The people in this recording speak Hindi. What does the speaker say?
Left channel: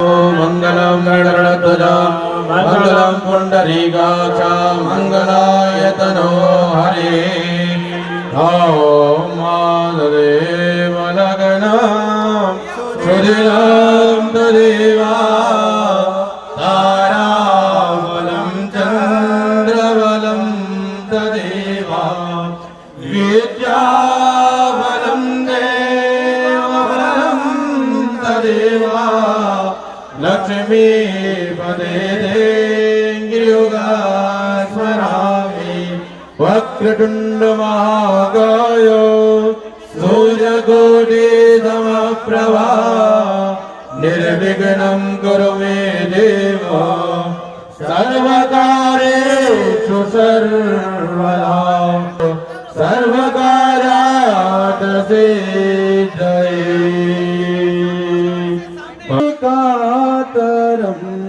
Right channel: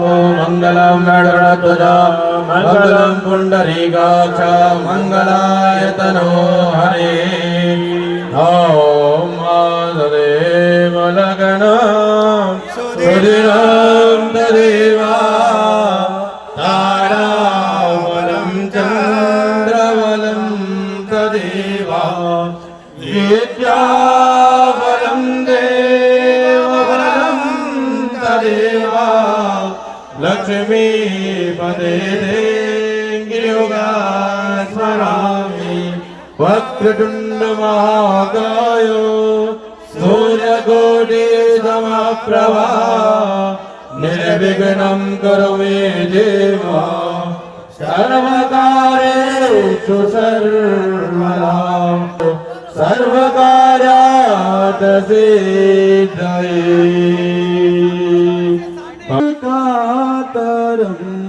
मंगलम गणध्वज मंगलम पुंडरीकाक्ष मंगलायतनो हरे ओम माधदेव लगना सुधिरं तदेवा तारावलं चंद्रवलं तदेवा विद्यावलं देववलं तदेवा लक्ष्मी पदे गिरियोगा स्मरामि वक्रतुंड महाकाय सूर्यकोटि समप्रभा निर्विघ्नं करो मे देव सर्वकार्येषु सर्वदा सर्वकार्यात् सिद्धये कातरम्